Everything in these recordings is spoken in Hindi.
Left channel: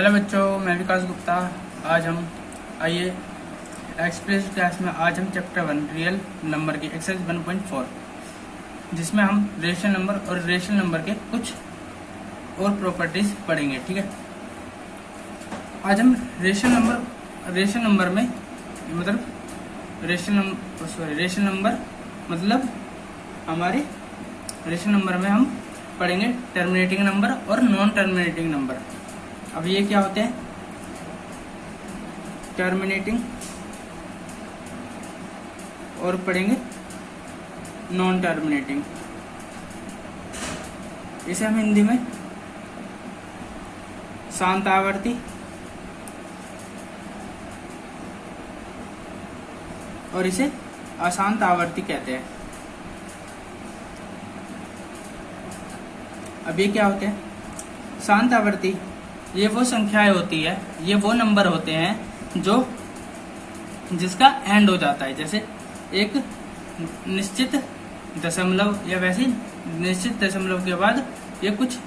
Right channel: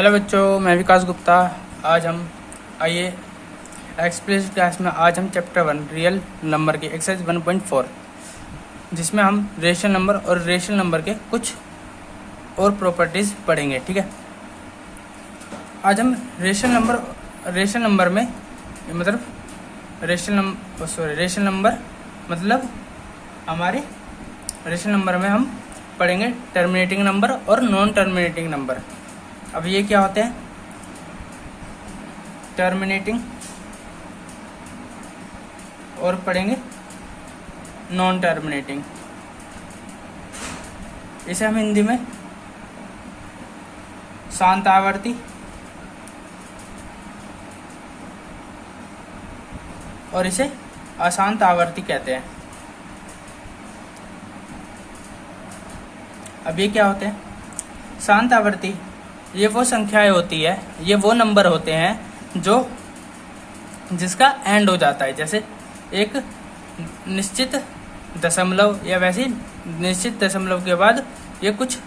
हेलो बच्चों, मैं विकास गुप्ता। आज हम आइए एक्सप्रेस क्लास में आज हम चैप्टर 1 रियल नंबर के एक्सरसाइज 1.4 जिसमें हम रेशनल नंबर और रेशनल नंबर के कुछ और प्रॉपर्टीज पढ़ेंगे। ठीक है, आज हम रेशनल नंबर में मतलब रेशनल नंबर मतलब हमारे रेशनल नंबर में हम पढ़ेंगे टर्मिनेटिंग नंबर और नॉन टर्मिनेटिंग नंबर। अब ये क्या होते हैं? टर्मिनेटिंग और पढ़ेंगे नॉन टर्मिनेटिंग। इसे हम हिंदी में शांत आवर्ती और इसे अशांत आवर्ती कहते हैं। अब ये क्या होते हैं? शांत आवर्ती ये वो संख्याएं होती है, ये वो नंबर होते हैं जो जिसका एंड हो जाता है, जैसे एक निश्चित दशमलव या वैसे निश्चित दशमलव के बाद ये कुछ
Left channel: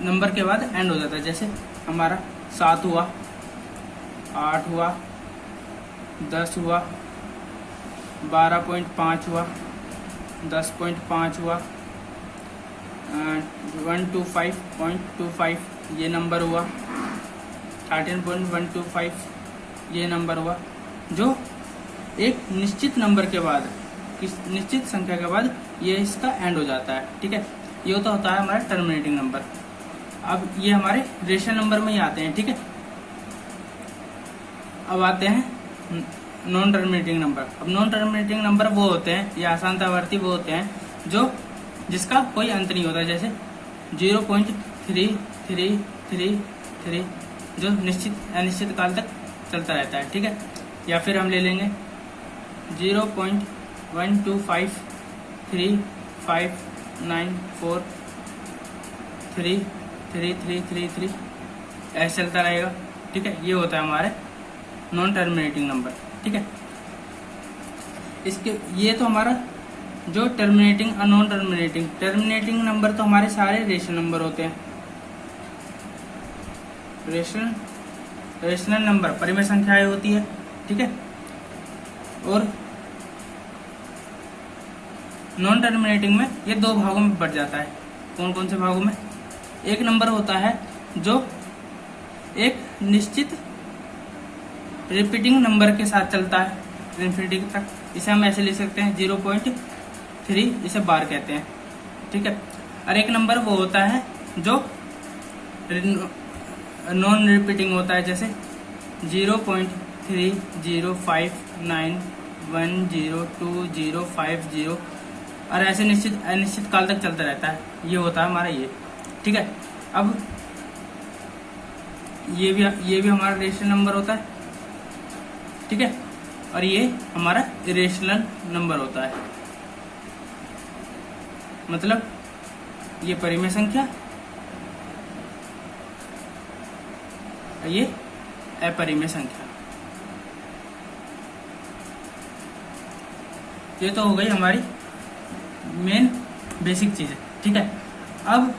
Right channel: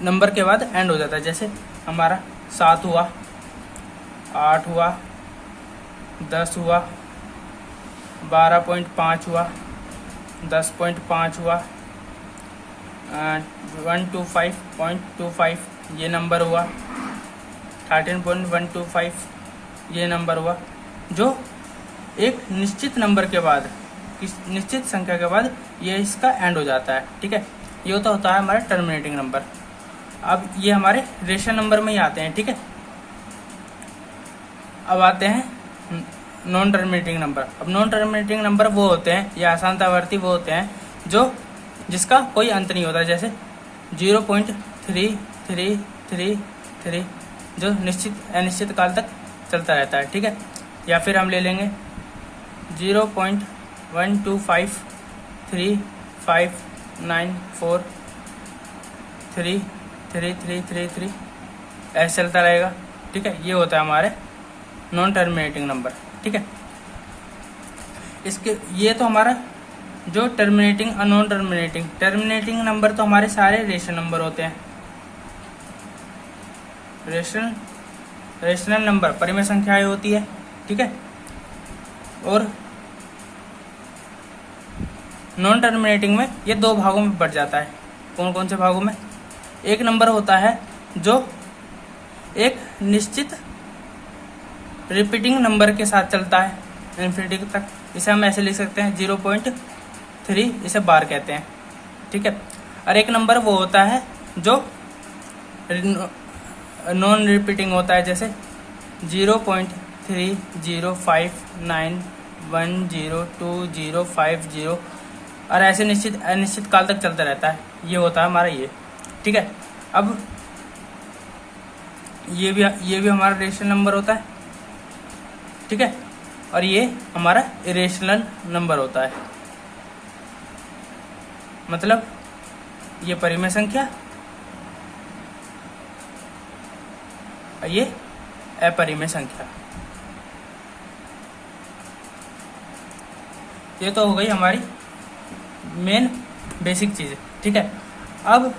नंबर के बाद एंड हो जाता है। जैसे हमारा 7 हुआ, 8 हुआ, 10 हुआ, 12.5 हुआ, 10.5 हुआ, 125.25 ये नंबर हुआ, 13.125 ये नंबर हुआ। जो एक निश्चित नंबर के बाद, निश्चित संख्या के बाद ये इसका एंड हो जाता है। ठीक है, ये तो होता है हमारा टर्मिनेटिंग नंबर। अब ये हमारे रेशनल नंबर में ही आते हैं। ठीक है, अब आते हैं नॉन टर्मिनेटिंग नंबर। अब नॉन टर्मिनेटिंग नंबर वो होते हैं या अशांत आवर्ती वो होते हैं जो जिसका कोई अंत नहीं होता, जैसे 0.3333 जो निश्चित अनिश्चित काल तक चलता रहता है। ठीक है, या फिर हम ले लेंगे 0.12535943333 ऐसे चलता रहेगा। ठीक है, ये होता है हमारे नॉन टर्मिनेटिंग नंबर। ठीक है, इसके ये तो हमारा जो टर्मिनेटिंग और नॉन टर्मिनेटिंग नंबर तो हमारे सारे रेशनल नंबर होते हैं। रेशनल नंबर परिमेय संख्याएं होती है। ठीक है, और नॉन टर्मिनेटिंग में ये दो भागों में बढ़ जाता है। कौन कौन से भागों में? एक नंबर होता है जो एक निश्चित रिपीटिंग नंबर के साथ चलता है इन्फिनिटी तक, इसे हम ऐसे लिख सकते हैं 0.3, इसे बार कहते हैं। ठीक है, और एक नंबर वो होता है जो नॉन रिपीटिंग होता है, जैसे 0.3059102050 और ऐसे निश्चित अनिश्चित काल तक चलता रहता है। ये होता है हमारा ये। ठीक है, अब ये भी हमारा रेशनल नंबर होता है। ठीक है, और ये हमारा इरेशनल नंबर होता है, मतलब ये परिमेय संख्या और ये अपरिमेय संख्या। ये तो हो गई हमारी मेन बेसिक चीज। ठीक है, अब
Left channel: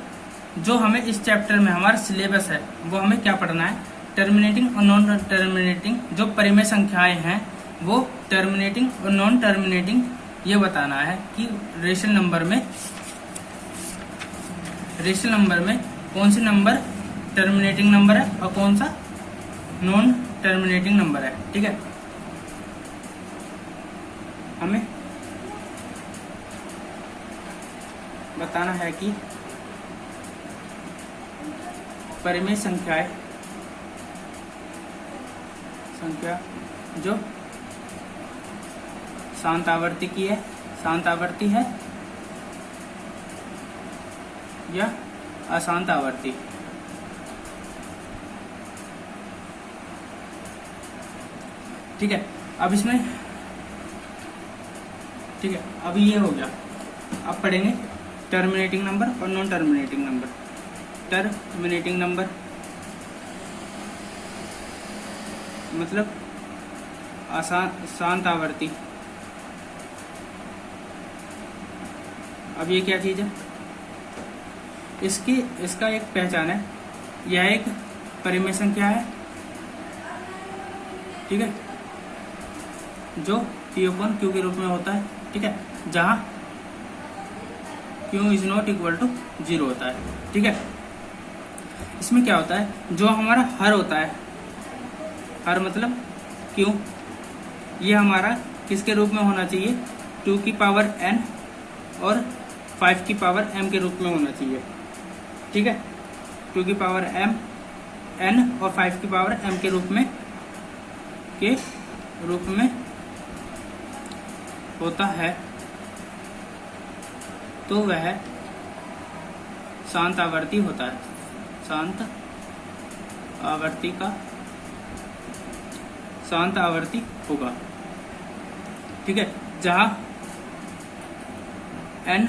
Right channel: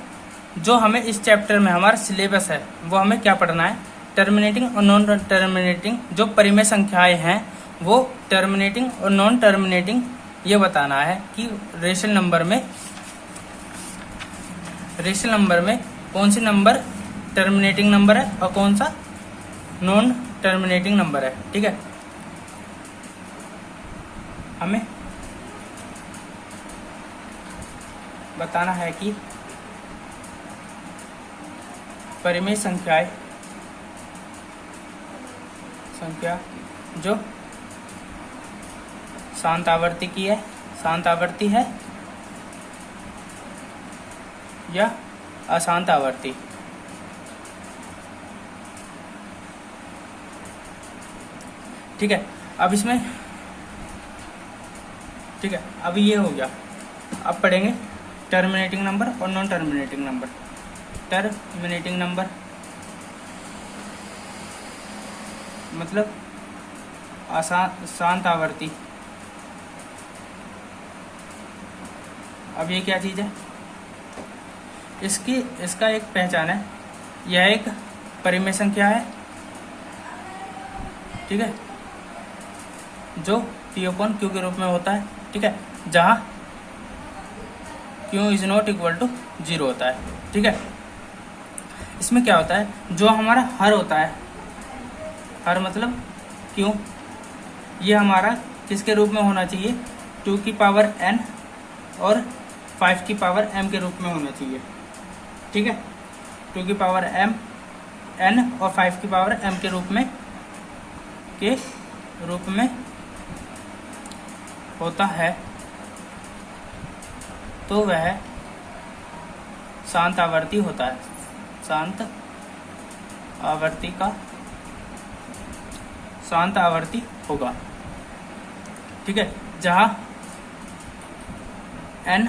जो हमें इस चैप्टर में हमारा सिलेबस है वो हमें क्या पढ़ना है? टर्मिनेटिंग और नॉन टर्मिनेटिंग जो परिमेय संख्याएं हैं वो टर्मिनेटिंग और नॉन टर्मिनेटिंग ये बताना है कि रेशनल नंबर में कौन सी नंबर टर्मिनेटिंग नंबर है और कौन सा नॉन टर्मिनेटिंग नंबर है। ठीक है, हमें बताना है कि परिमेय संख्या जो शांत आवर्ती है या अशांत आवर्ती। ठीक है, अब इसमें ठीक है, अब ये हो गया। अब पढ़ेंगे टर्मिनेटिंग नंबर और non terminating number. Terminating number मतलब शांत आवर्ती। अब ये क्या चीज है? इसका एक पहचान है, यह एक परिमेय संख्या है, ठीक है, जो P/Q के रूप में होता है, ठीक है, जहां Q is not equal to 0 होता है, ठीक है। इसमें क्या होता है, जो हमारा हर होता है, हर मतलब Q, ये हमारा किसके रूप में होना चाहिए, 2 की पावर n और 5 की पावर m के रूप में होना चाहिए, ठीक है। 2 की पावर n और 5 की पावर m के रूप में होता है, तो वह शांत आवर्ती होता है, शांत आवर्ती होगा, ठीक है, जहां n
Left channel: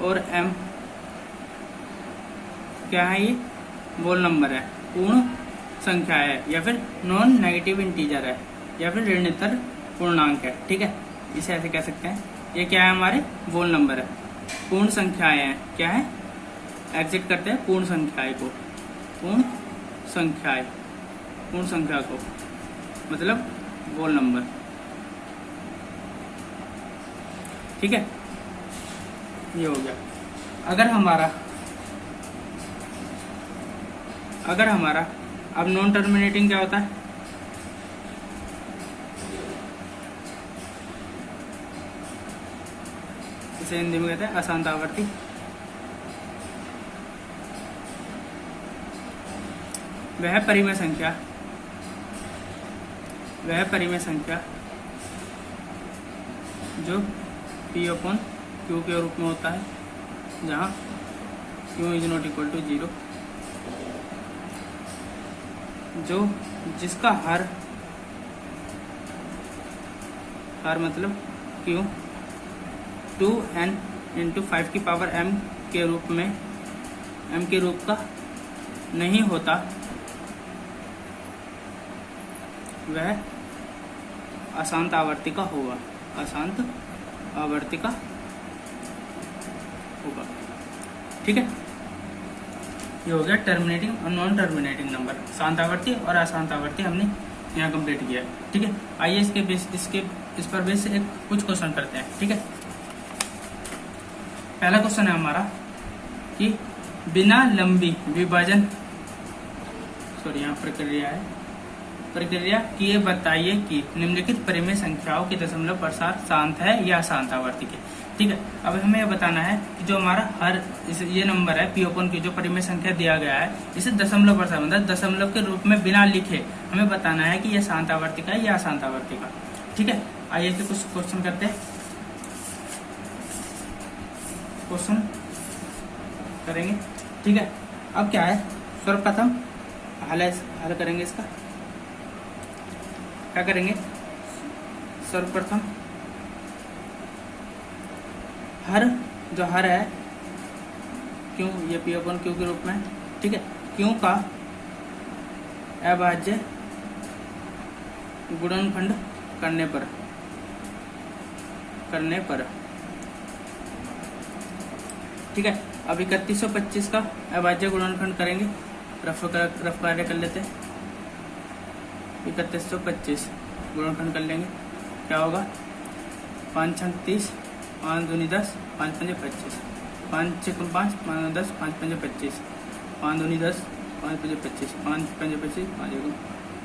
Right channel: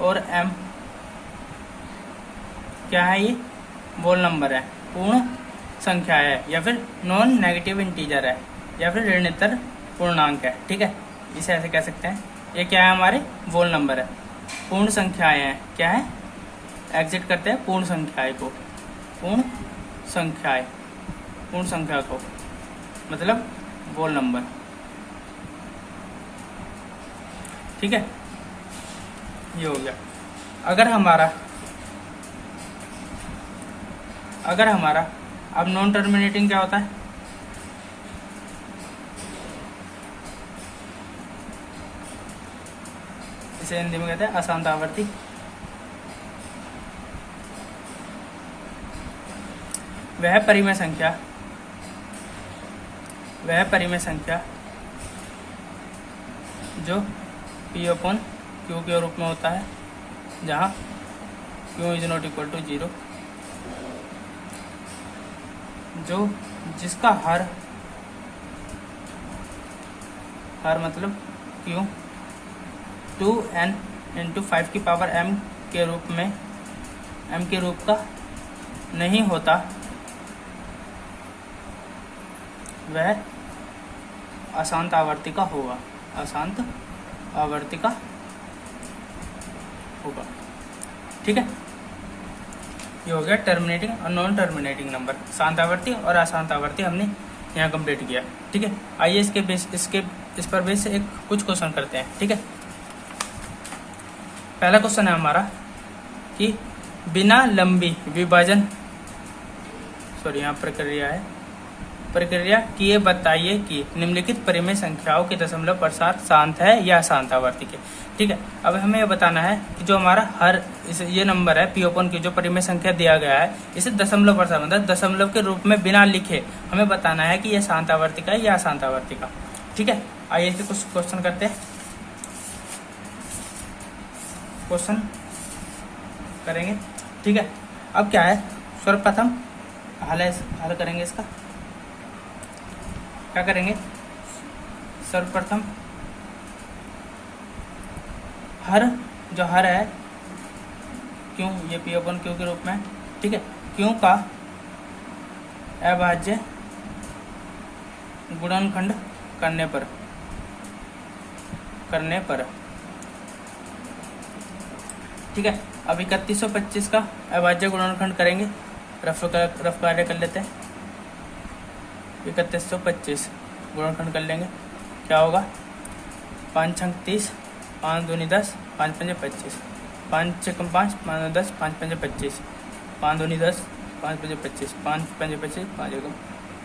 और m क्या है, ये वोल नंबर है, पूर्ण संख्या है, या फिर नॉन नेगेटिव इंटीजर है, या फिर ऋणात्मक पूर्णांक है, ठीक है। इसे ऐसे कह सकते हैं, ये क्या है, हमारे वोल नंबर है, पूर्ण संख्याएं हैं, क्या है, एग्जिट करते हैं पूर्ण संख्या को, मतलब वोल नंबर, ठीक है। ये हो गया। अगर हमारा अब नॉन टर्मिनेटिंग क्या होता है, इसे हिंदी में कहते हैं अशांत आवर्ती। वह परिमेय संख्या जो P/Q के रूप में होता है, जहां Q is not equal to 0, जो जिसका हर मतलब Q 2n इंटू 5 की पावर m के रूप का नहीं होता, वह अशांत आवर्ती का होगा, ठीक है। ये हो गया टर्मिनेटिंग और नॉन टर्मिनेटिंग नंबर, शांत आवर्ती और अशांत आवर्ती हमने यहाँ कंप्लीट किया, ठीक है। आइए इस पर बेस से कुछ क्वेश्चन करते हैं, ठीक है। पहला क्वेश्चन है हमारा कि बिना लंबी विभाजन, यहाँ प्रक्रिया किए बताइए कि निम्नलिखित परिमेय संख्याओं के दशमलव प्रसार शांत है या अशांत आवर्ती के, ठीक है। अब हमें यह बताना है कि जो हमारा ये नंबर है P/Q, जो परिमेय संख्या दिया गया है, इसे दशमलव प्रसार मतलब दशमलव के रूप में बिना लिखे हमें बताना है कि यह शांत आवर्ती का है या अशांत आवर्ती का, ठीक है। आइए कुछ क्वेश्चन करते हैं, क्वेश्चन करेंगे, ठीक है। अब क्या है, सर्वप्रथम हल करेंगे इसका, क्या करेंगे, सर्वप्रथम हर है Q, ये P/Q के रूप में, ठीक है, Q का अभाज्य गुणनखंड करने पर, ठीक है। अब 3125 का अभाज्य गुणनखंड करेंगे, रफ कार्य कर लेते हैं। 3125 गुणनखंड कर लेंगे, क्या होगा, 5 छंग 30, 5 दूनी 10, 5 पंजे 25, 5 छक्म 5, 5 10, 5 पंजे 25, 5 दूनी 10, 5 पंजे 25, 5 पंजे 25, 5 एकम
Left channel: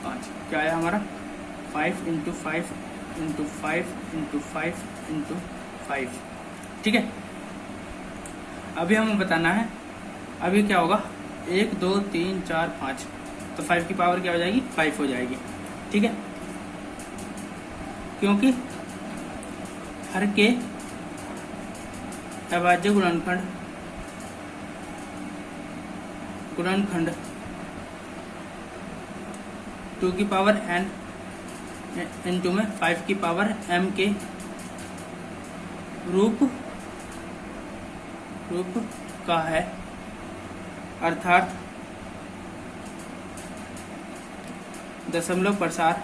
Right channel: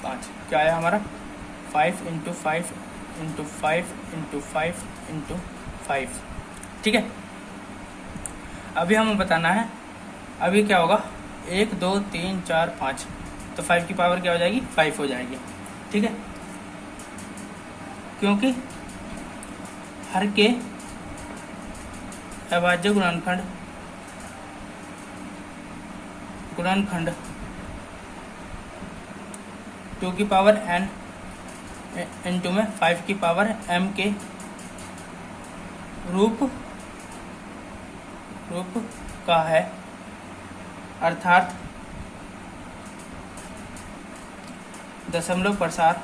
5, क्या आया हमारा 5 इंटू 5 इंटू 5 इंटू 5 इंटू 5, ठीक है। अभी हमें बताना है, अभी क्या होगा, 1 2 3 4 5, तो 5 की पावर क्या हो जाएगी, 5 हो जाएगी, ठीक है, क्योंकि हर के अभाज्य गुणनखंड 2 की पावर n इंटू में 5 की पावर m के रूप का है, अर्थात दशमलव प्रसार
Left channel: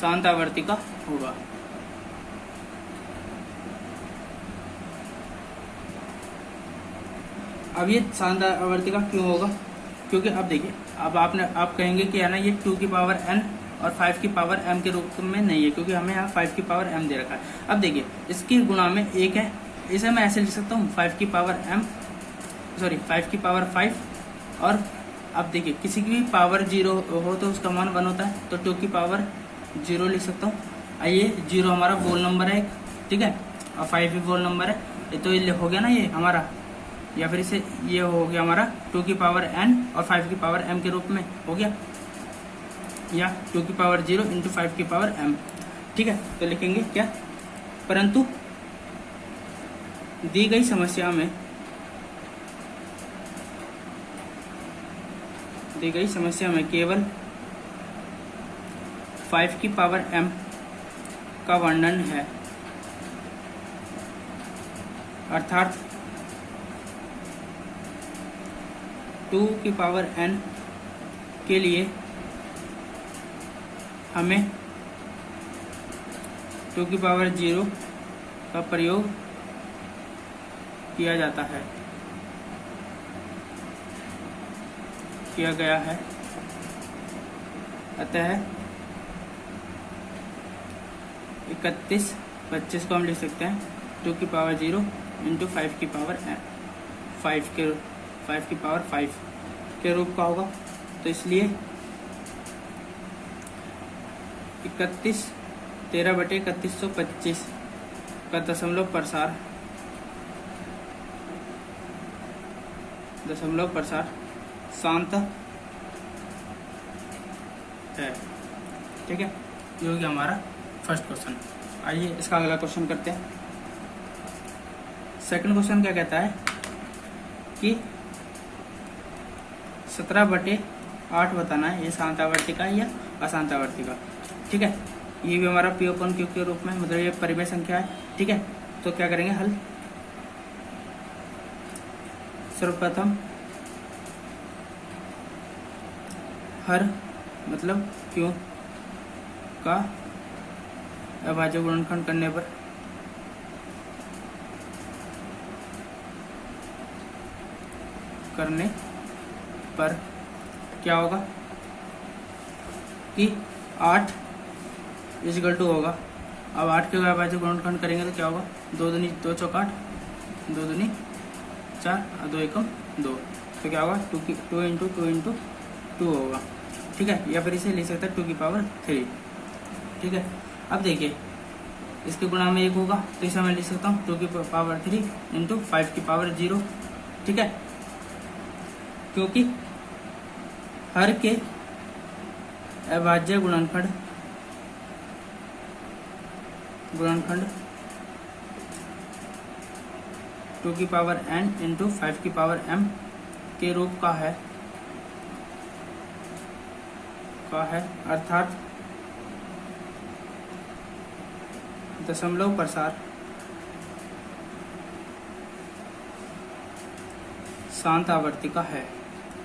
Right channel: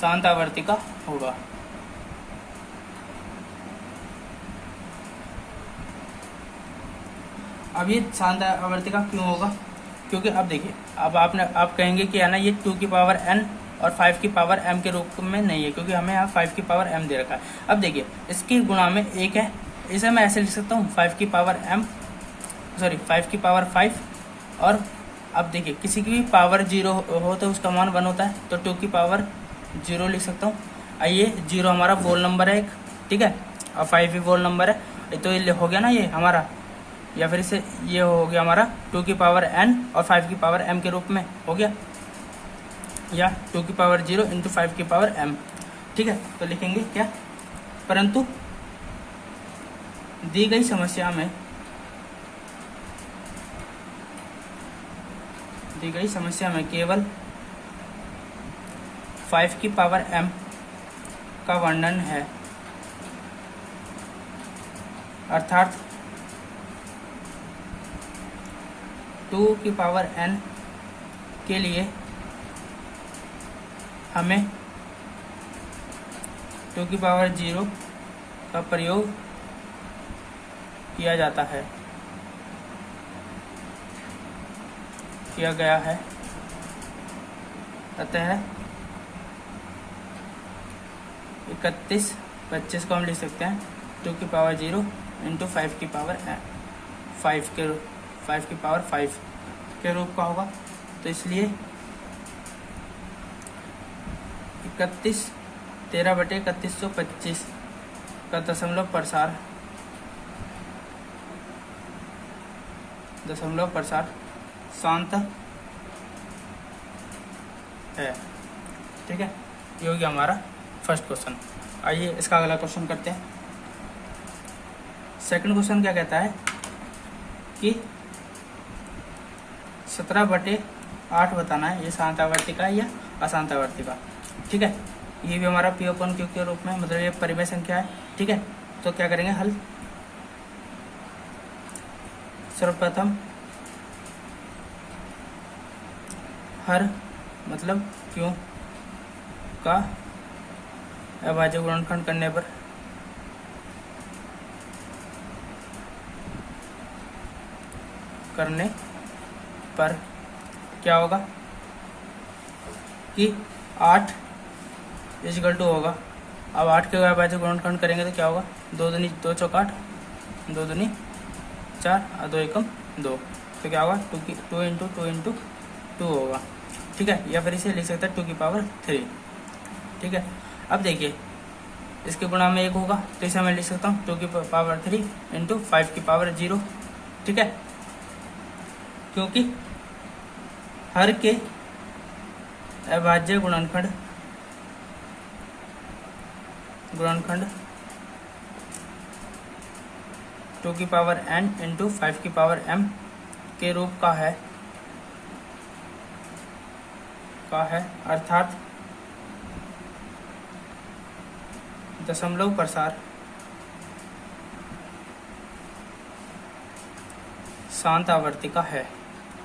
शांत आवर्ती का होगा, अब ये शांत आवर्ती का क्यों होगा, क्योंकि अब देखिए, अब आप कहेंगे कि है ना ये 2 की पावर n और 5 की पावर m के रूप में नहीं है, क्योंकि हमें यहाँ 5 की पावर m दे रखा है। अब देखिए, इसकी गुणा में 1 है, इसे मैं ऐसे लिख सकता हूँ 5 की पावर 5, और अब देखिए किसी की भी पावर 0 हो तो उसका मान 1 होता है, तो 2 की पावर 0 लिख सकता हूँ। ये 0 हमारा वोल नंबर है एक, ठीक है, और 5 भी वोल नंबर है, तो ये हो गया ना ये हमारा, या फिर इसे ये हो गया हमारा 2 की पावर n और 5 की पावर m के रूप में हो गया, या 2 की पावर 0 इंटू 5 की पावर m, ठीक है। तो लिखेंगे क्या, परंतु दी गई समस्या में केवल 5 की पावर m का वर्णन है, अर्थात 2 की पावर n के लिए हमें 2 की पावर 0 का प्रयोग किया गया है, अतः 25 को हम लिख सकते हैं 2 की पावर 0 इंटू 5 की पावर 5 के रूप का होगा। तो इसलिए 13/3125 का दशमलव प्रसार शांत है, ठीक है। ये हो गया हमारा फर्स्ट क्वेश्चन। आइए इसका अगला क्वेश्चन करते हैं। सेकंड क्वेश्चन क्या कहता है कि 17/8 बताना है, ये शांत आवर्ती का या अशांत आवर्ती का, ठीक है। ये भी हमारा P अपॉन Q के रूप में, मतलब ये परिमेय संख्या है, ठीक है। तो क्या करेंगे हल, सर्वप्रथम हर मतलब Q का अभाज्य गुणनखंड करने पर क्या होगा कि 8 इक्वल टू होगा। अब 8 के अभाज्य गुणनखंड करेंगे तो क्या होगा, 2 दूनी 2 चौक 8, 2 दूनी 4 और 2 एकम 2, तो क्या होगा 2 इंटू 2 होगा, ठीक है। या फिर इसे लिख सकता है 2 की पावर 3, ठीक है। अब देखिए इसके गुणा में 1 होगा, तो इसे मैं लिख सकता हूँ 2 की पावर 3 इंटू 5 की पावर 0, ठीक है। क्योंकि हर के अभाज्य गुणनखंड 2 की पावर n इंटू 5 की पावर m के रूप का है, अर्थात दशमलव प्रसार शांत आवर्ती का है,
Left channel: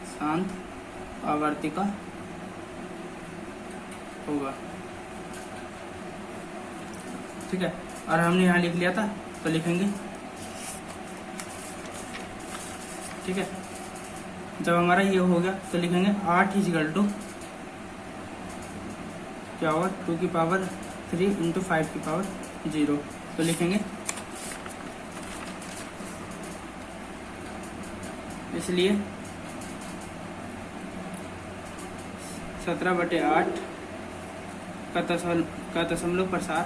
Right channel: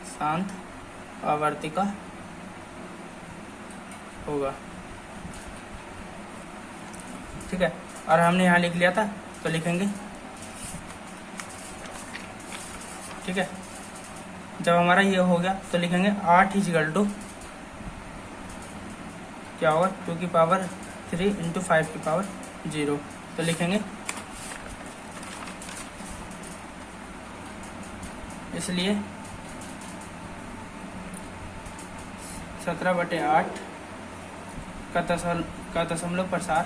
शांत आवर्ती का होगा, ठीक है। और हमने यहाँ लिख लिया था तो लिखेंगे, ठीक है। जब हमारा ये हो गया तो लिखेंगे 8 इक्वल टू क्या होगा 2 की पावर 3 इंटू 5 की पावर 0, तो लिखेंगे इसलिए 17/8 का दशमलव प्रसार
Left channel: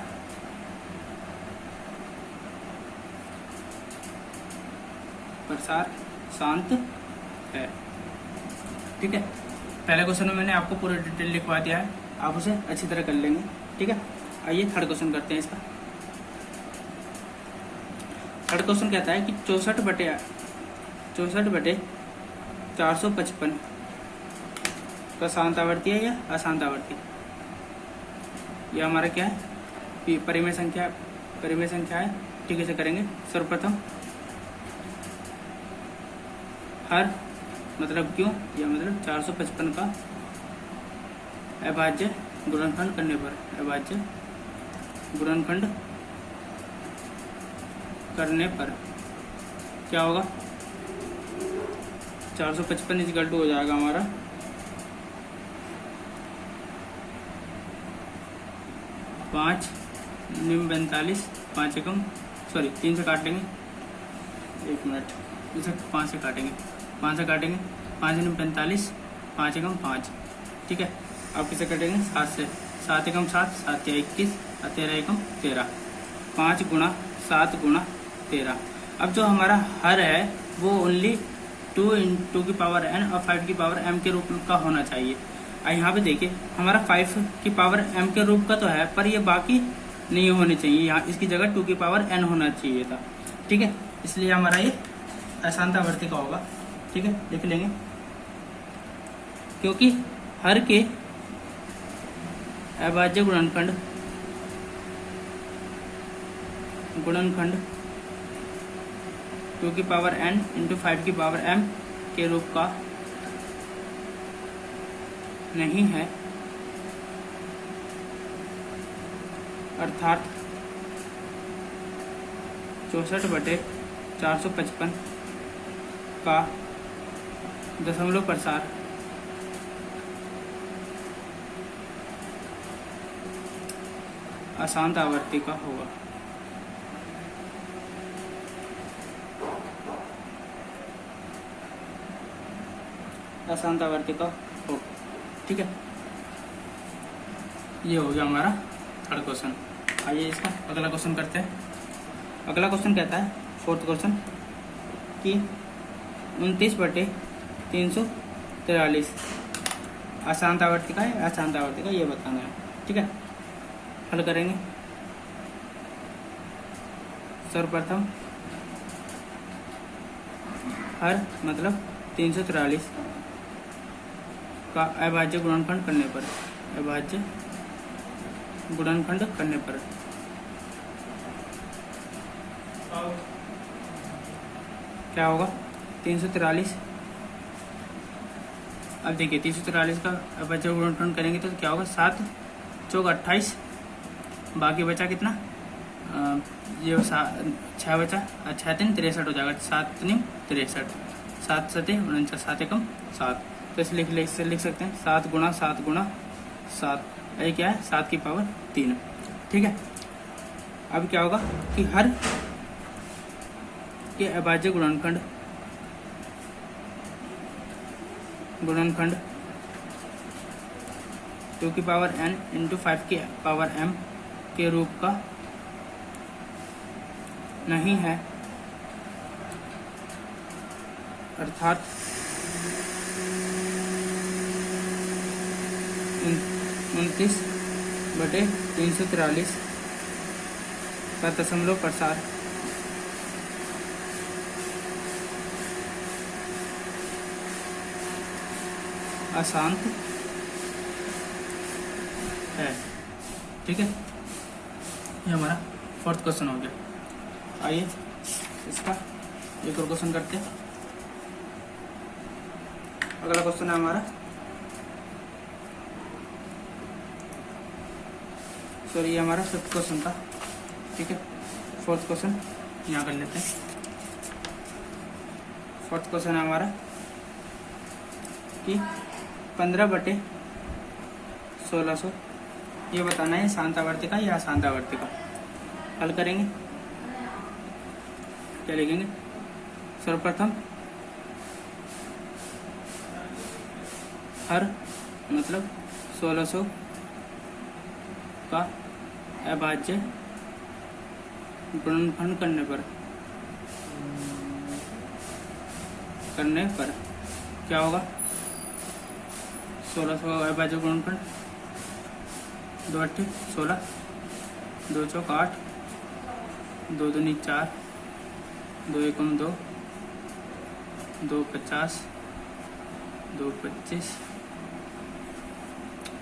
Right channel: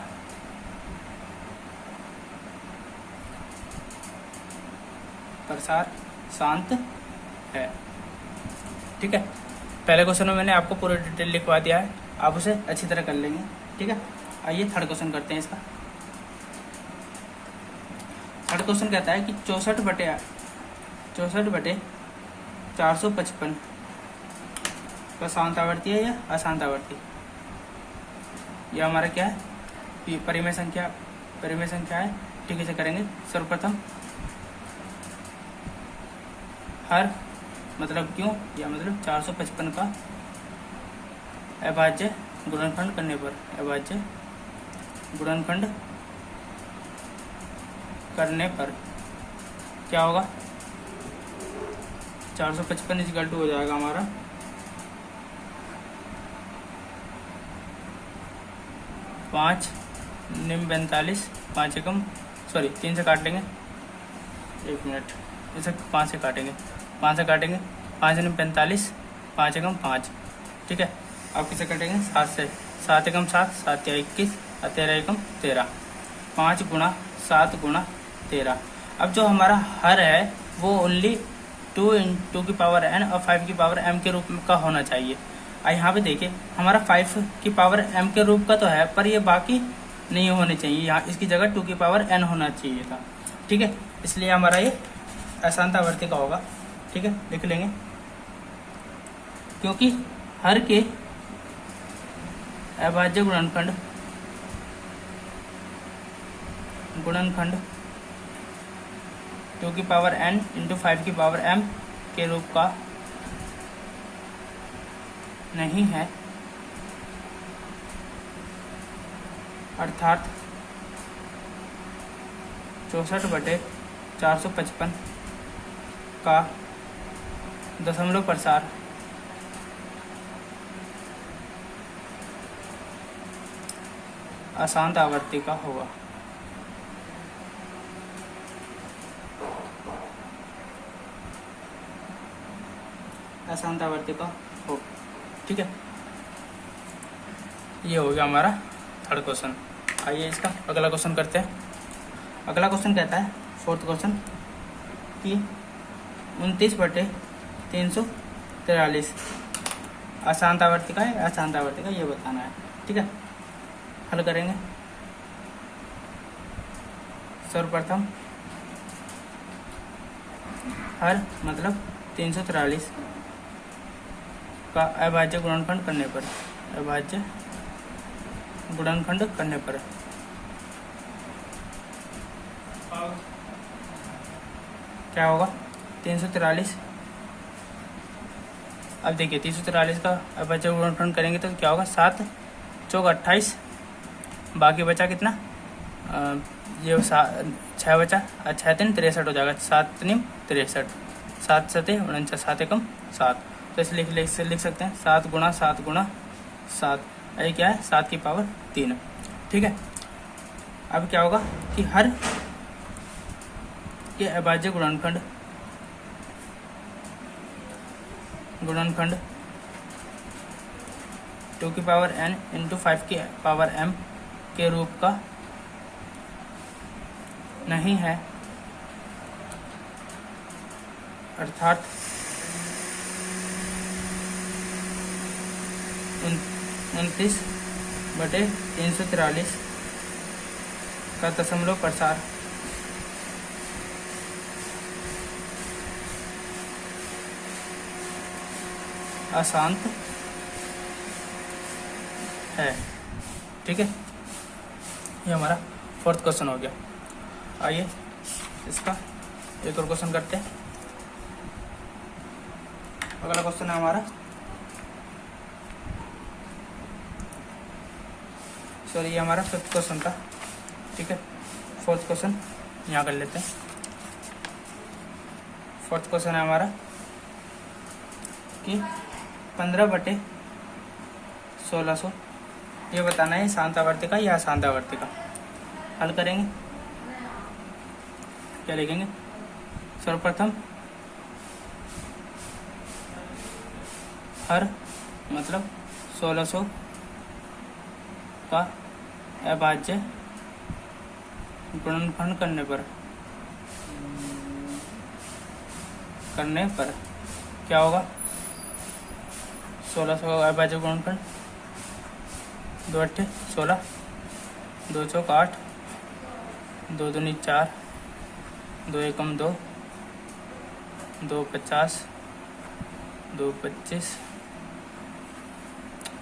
शांत है, ठीक है। पहले क्वेश्चन में मैंने आपको पूरी डिटेल लिखवा दिया है, आप उसे अच्छी तरह कर लेंगे, ठीक है। आइए थर्ड क्वेश्चन करते हैं इसका। थर्ड क्वेश्चन कहता है कि 64/455 का शांत आवर्ती है या अशांत आवर्ती। यह हमारा क्या है, परिमेय संख्या है, ठीक है। इसे करेंगे सर्वप्रथम हर मतलब क्यों, या मतलब 455 का अभाज्य गुणनखंड करने पर, क्या होगा 455 इजिकल टू हो जाएगा हमारा 5 निम 45, 5 एकम 3 से काटेंगे, 1 मिनट, इसे 5 से काटेंगे, 5 से काटेंगे, 5 निम 45, 5 एकम 5, ठीक है। अब किसे काटेंगे 7 से, 7 एकम 7, 7 या 21, 13 एकम 13, 5 गुणा 7 गुणा 13। अब जो हमारा हर है वो ओनली 2 की पावर n और 5 की पावर m के रूप का होना चाहिए। यहाँ पे देखिए हमारा 5 की पावर m के रूप का तो है, पर ये बाकी नहीं होने चाहिए, यहाँ इसकी जगह 2 की पावर n होना चाहिए था, ठीक है। इसलिए हमारा ये अशांतावर्ती का होगा, ठीक है, लिख लेंगे। क्योंकि हर के अभाज्य गुणनखंड 2 की पावर n इंटू 5 की पावर m के रूप का नहीं है, अर्थात 64/455 का दशमलव प्रसार अशांत आवर्ती का होगा। अशांत आवर्ती का हो, ठीक है। ये हो गया हमारा थर्ड क्वेश्चन। आइए इसका अगला क्वेश्चन करते हैं। अगला क्वेश्चन कहता है, फोर्थ क्वेश्चन, कि 29/343 अशांत आवर्ती का है, अशांत आवर्ती का ये बताना है, ठीक है। हल करेंगे। सर्वप्रथम हर मतलब 343 का अभाज्य गुणनखंड करने पर, अभाज्य गुणनखंड करने पर क्या होगा 343। अब देखिए 343 का अभाज्य गुणनखंड करेंगे तो क्या होगा, 7 चौक 28, बाकी बचा कितना, ये 6 बचा, 6 3 63 हो जाएगा, 7 निम 63, 7 7 49, 7 एकम 7। तो इसलिए लिख सकते हैं 7 गुणा 7 गुणा 7, ये क्या है 7 की पावर 3, ठीक है। अब क्या होगा कि हर के अभाज्य गुणनखंड 2 की पावर n इंटू 5 की पावर m के रूप का नहीं है, अर्थात 29/343 का दशमलव प्रसार अशांत है, ठीक है। ये हमारा फोर्थ क्वेश्चन हो गया। आइए इसका एक और क्वेश्चन करते हैं। अगला क्वेश्चन है हमारा, सॉरी ये हमारा फिफ्थ क्वेश्चन था, ठीक है। फोर्थ क्वेश्चन यहाँ कर लेते हैं। फोर्थ क्वेश्चन है हमारा कि 15/1600 ये बताना है शांत आवर्ती का या अशांत आवर्ती का। हल करेंगे, क्या लिखेंगे, सर्वप्रथम हर मतलब 1600 का अभाज्य गुणनखंड करने पर क्या होगा, 1600 अभाज्य गुणनखंड 2 8 16, 2 चौक 8, 2 दूनी 4, 2 एकम 2, 2 50, 2 25,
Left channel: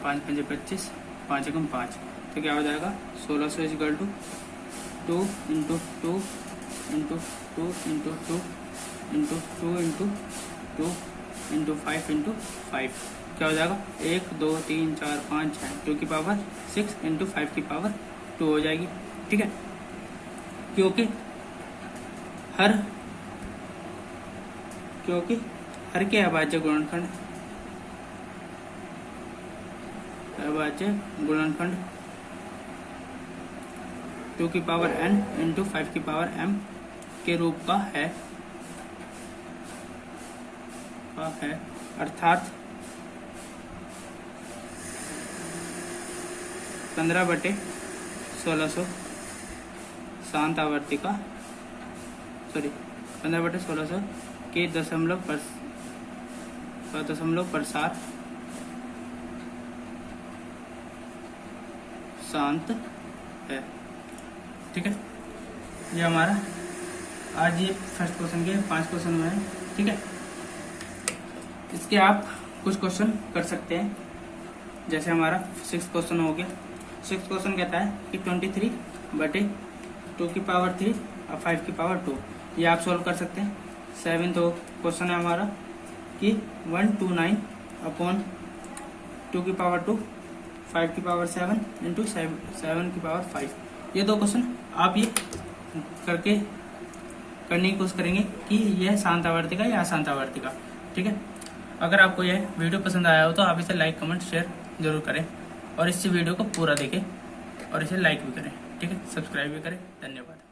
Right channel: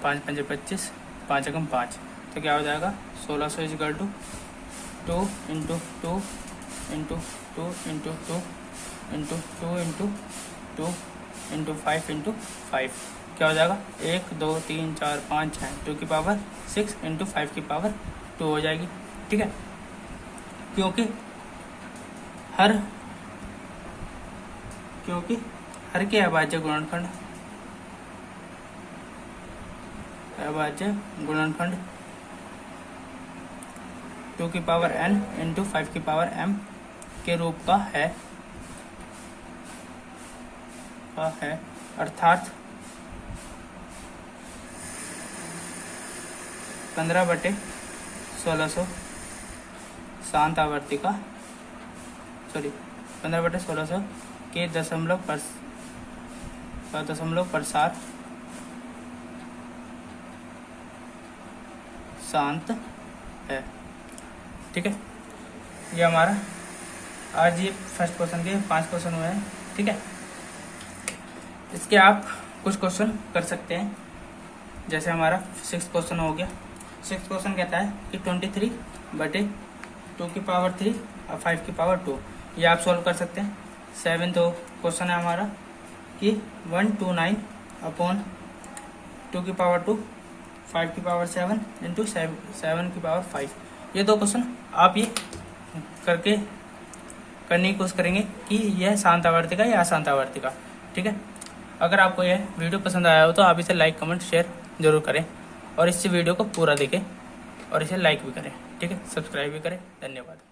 5 5 25, 5 एकम 5। तो क्या हो जाएगा 1600 equal to 2 into 2 into 2 into 2 into 2 into 2 into 5 into 5। क्या हो जाएगा 1 2 3 4 5 6, 2 की पावर 6 इंटू 5 की पावर 2 हो जाएगी, ठीक है। क्योंकि हर के अभाज्य गुणनखंड 2 की पावर n इंटू 5 की पावर m के रूप का है अर्थात 15/1600 शांत आवर्ती का 15/1600 के दशमलव प्रसार शांत है। ठीक है, ये हमारा आज ये फर्स्ट क्वेश्चन के 5 क्वेश्चन हुए हैं। ठीक है, इसके आप कुछ क्वेश्चन कर सकते हैं। जैसे हमारा 6th क्वेश्चन हो गया। 6th क्वेश्चन कहता है कि 23/2 की पावर 3 और 5 की पावर 2, ये आप सॉल्व कर सकते हैं। 7th क्वेश्चन है हमारा कि 129/2 की पावर 2, 5 की पावर 7 इंटू 7 की पावर 5। ये 2 क्वेश्चन आप ये करने की कोशिश करेंगे कि यह शांत आवर्ती का या अशांत आवर्ती का। ठीक है, अगर आपको यह वीडियो पसंद आया हो तो आप इसे लाइक कमेंट शेयर जरूर करें और इस वीडियो को पूरा देखें और इसे लाइक भी करें। ठीक है, सब्सक्राइब भी करें। धन्यवाद।